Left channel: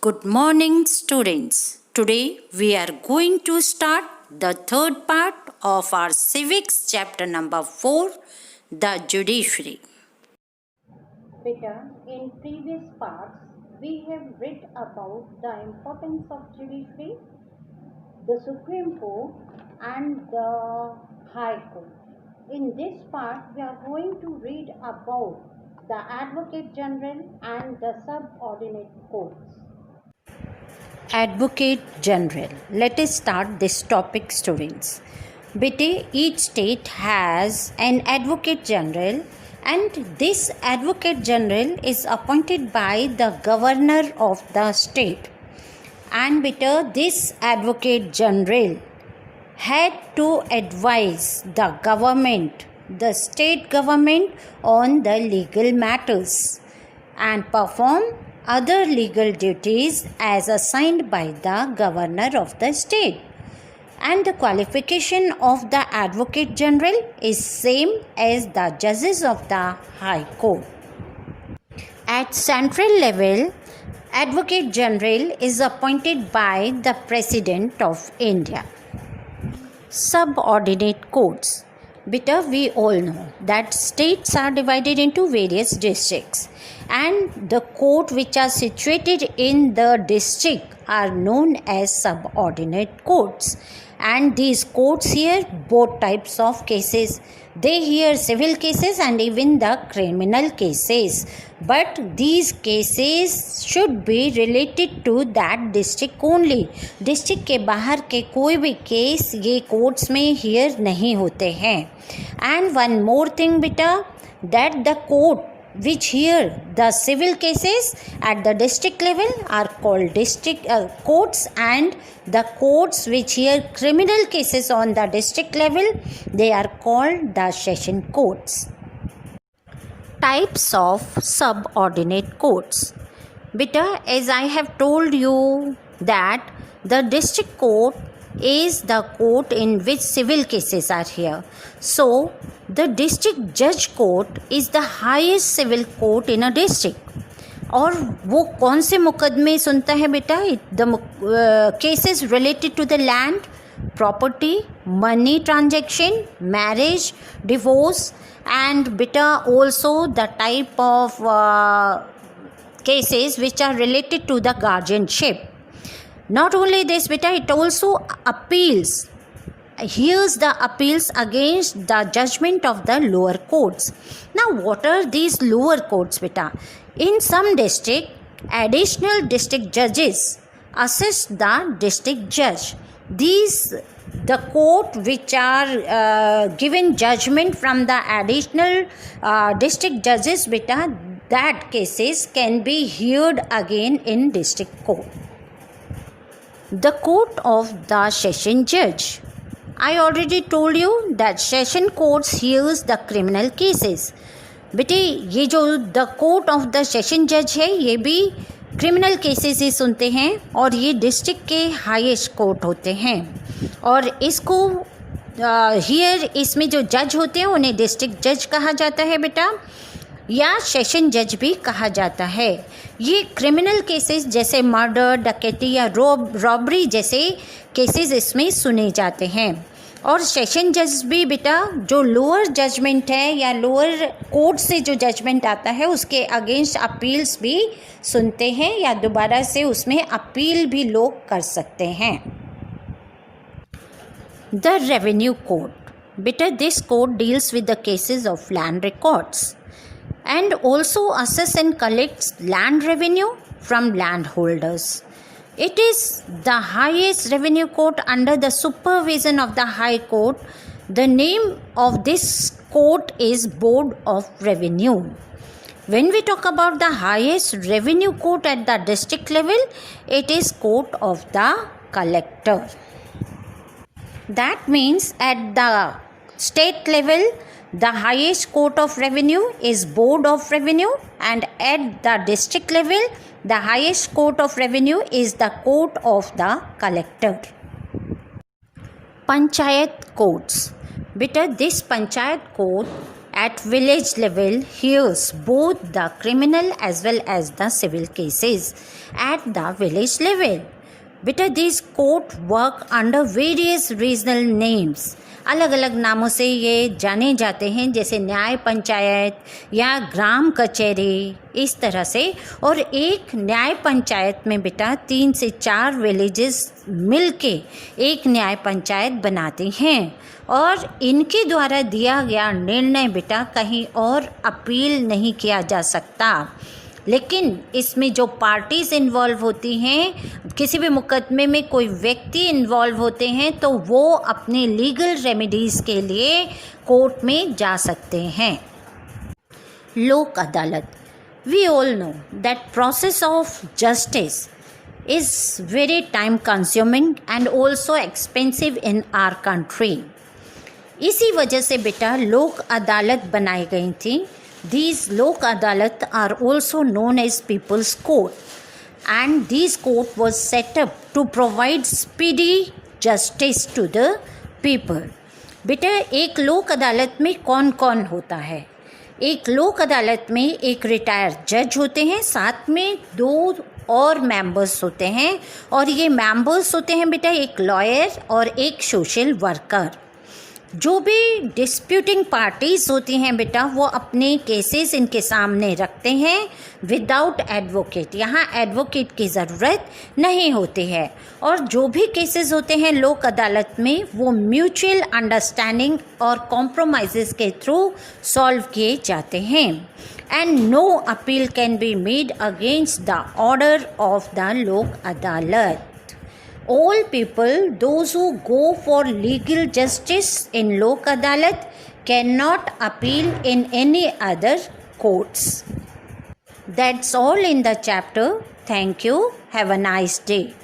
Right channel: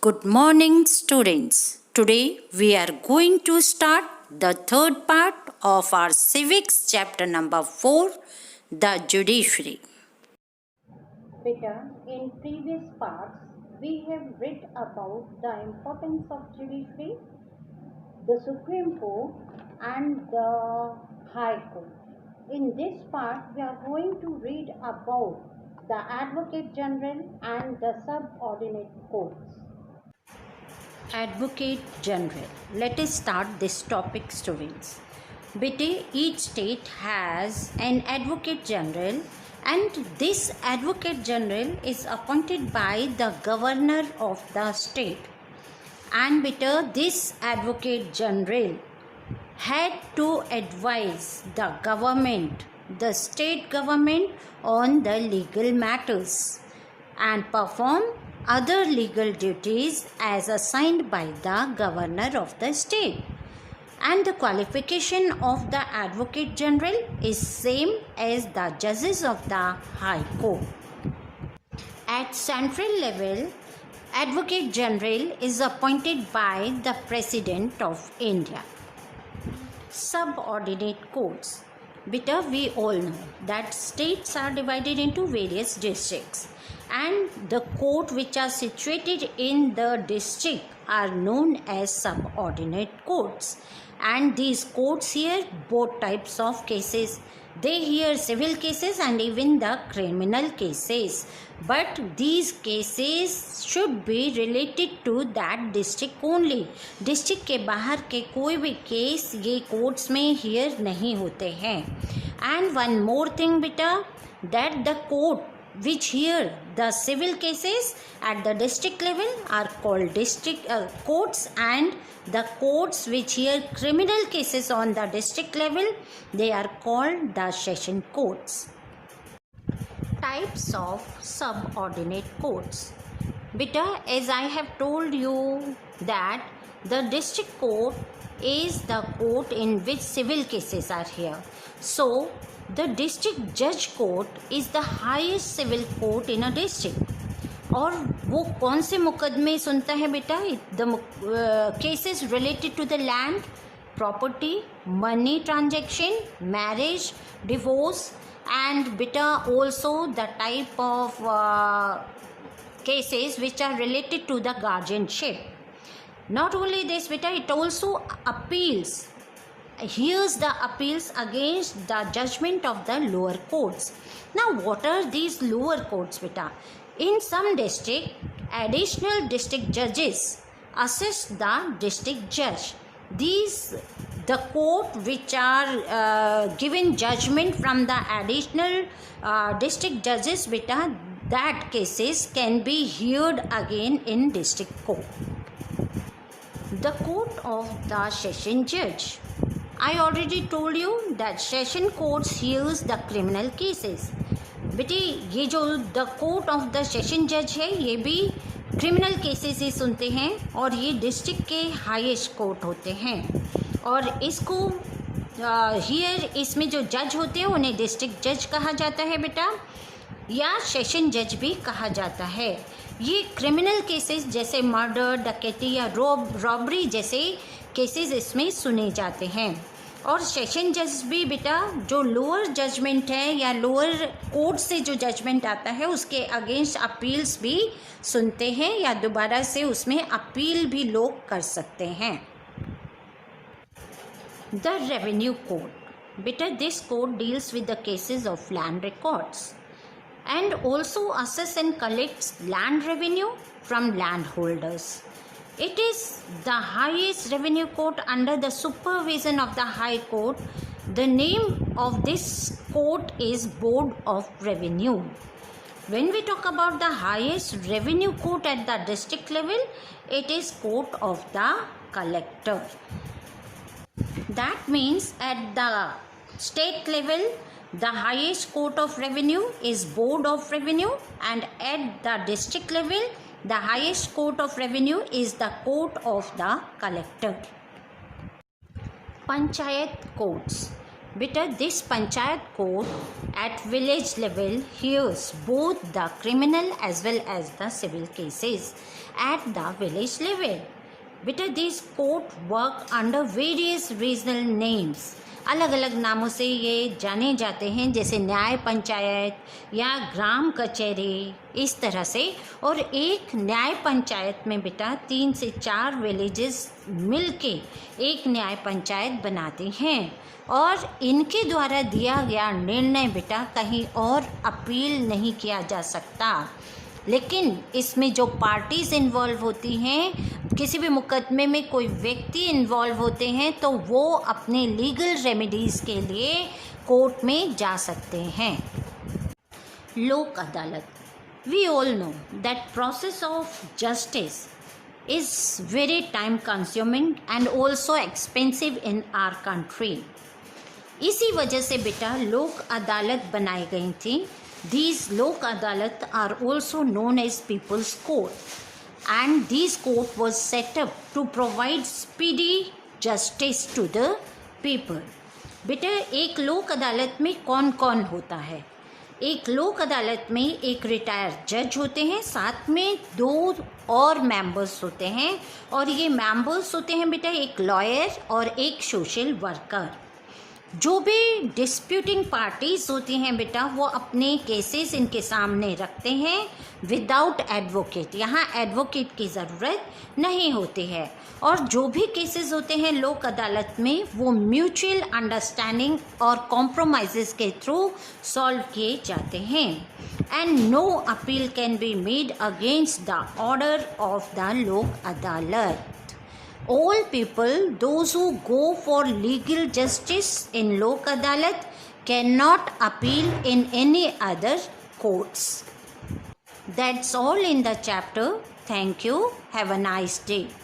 Good morning, students. Today we are going to start the third part of our civics chapter number 4, the judiciary. Beta, in previous parts, we have read about the importance of judiciary, the Supreme Court and the High Court. In this part, we are going to read about the Advocate General and the subordinate courts. Advocate General. Let us start this topic, students. Bete, each state has an Advocate General, and this Advocate General is appointed by the governor of the state. And beta, this Advocate General had to advise the government, the state government, on the legal matters and perform other legal duties as assigned by the governor of the state. And the qualification of the Advocate General is same as the judges of the High Court. At central level, Advocate General is appointed by the President of India. Subordinate courts. Beta, we all know that states are divided into various districts, and the court which are situated in the district are known as subordinate courts. And these courts hear both types of cases. They hear civil cases and even the criminal cases. But these cases should be related to that district only. District के बाहर के कोई भी case ये courts में here नहीं होते हैं. एंड वन मोर थिंग बेटा, that the court which hear the civil cases at the district level are called district courts, and the courts which hear criminal cases on the district level, they are called the session courts. Types of subordinate courts. Beta, as I have told you that the district court is the court in which civil cases are here. So the district judge court is the highest civil court in a district. और वो कौन से मुकदमे सुनता है बेटा? The cases related to the land, property, money transaction, marriage, divorce, and beta also the type of cases which are related to the guardianship. Not only this beta, it also appeals, hears the appeals against the judgment of the lower courts. Now what are these lower courts beta? In some district, additional district judges assist the district judge. These the court which are given judgment from the additional district judges beta, that cases can be heard again in district court. The court of the session judge. I already told you that session courts hears the criminal cases. बेटे ये जो the court of the session जज है ये भी criminal cases ही सुनते हैं, और ये डिस्ट्रिक्ट के हाईएस्ट कोर्ट होते हैं. और इसको हियर इसमें जो जज होते हैं उन्हें डिस्ट्रिक्ट जज कहा जाता है बेटा, या सेशन जज भी कहा जाता है. ये क्रिमिनल केसेस जैसे मर्डर, डकैती या रॉबरी जैसे केसेस इसमें सुने जाते हैं. और सेशन जज भी बेटा जो लोअर जजमेंट है या लोअर कोर्ट से जो जजमेंट आता है उसके अगेंस्ट अपील्स भी सुनते हैं, या दोबारा से उसमें अपील भी लोग कर सकते हैं. The revenue court. बेटा this court deals with the cases of land records and also assess and collects land revenue from landholders. It is the highest revenue court under the supervision of the High Court. The name of this court is Board of Revenue. When we talk about the highest revenue court at the district level, it is Court of the Collector. That means at the state level, the highest court of revenue is Board of Revenue, and at the district level, the highest court of revenue is the Court of the Collector. Panchayat courts. Beta, this Panchayat court at village level hears both the criminal as well as the civil cases at the village level. बेटा these court work under various regional names. अलग अलग नामों से ये जाने जाते हैं, जैसे न्याय पंचायत या ग्राम कचहरी, इस तरह से। और एक न्याय पंचायत में बेटा 3 से 4 विलेजेस मिलके एक न्याय पंचायत बनाते हैं और इनके द्वारा दिया गया निर्णय बेटा कहीं और अपील नहीं किया जा सकता। लेकिन इसमें जो पार्टीज़ इन्वॉल्व होती हैं, किसी भी मुकदमे में कोई व्यक्ति इन्वॉल्व होते हैं, तो वो अपने लीगल रेमेडीज़ के लिए कोर्ट में जा सकते हैं। Lok Adalat. We all know that process of justice is very time consuming and also expensive in our country. इसी वजह से बेटा लोक अदालत बनाई गई थी। These Lok Adalat are also known as People's Court, and this court was set up to provide speedy justice to the people. बेटा एक लोक अदालत में कौन कौन होता है? एक लोक अदालत में एक रिटायर्ड जज होते हैं, साथ में 2 और मेंबर्स होते हैं, और ये मेंबर्स होते हैं बेटा एक लॉयर और एक सोशल वर्कर। जो भी डिस्प्यूटिंग पार्टीज़ होती हैं बेटा वो अपने केसेस इनके सामने रखते हैं विदाउट एडवोकेट। यहाँ एडवोकेट की ज़रूरत नहीं होती है। और जो भी केसेस होते हैं लोक अदालत में वो म्यूचुअल अंडरस्टैंडिंग और कॉम्प्रोमाइज़ के थ्रू सॉल्व किए जाते हैं। And no appeal can be made against the order of the Lok Adalat. All people, those who go for legal justice in Lok Adalat, cannot appeal in any other courts. That's all in the chapter. Thank you. Have a nice day.